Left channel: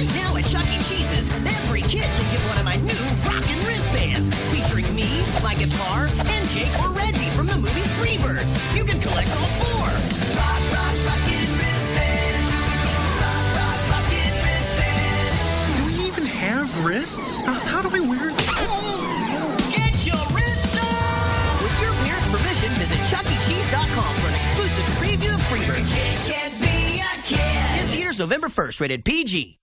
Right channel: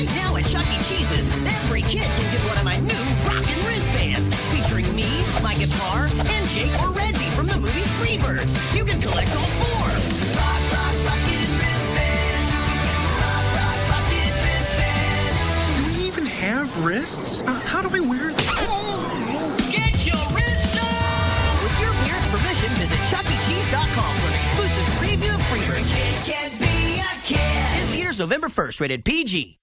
Right now at Chuck E. Cheese's, every kid can get one of my new Rockin' Wristbands, featuring me, my guitar, and Jake or Reggie from the movie Freebirds. You can collect all four. Rockin' Wristbands. Rockin' Wristbands. Do we even have wrists? How do we wear them? Get your wrists up! With your parents' permission, visit chuckecheese.com for an exclusive preview of Freebirds. In theaters November 1st, rated PG.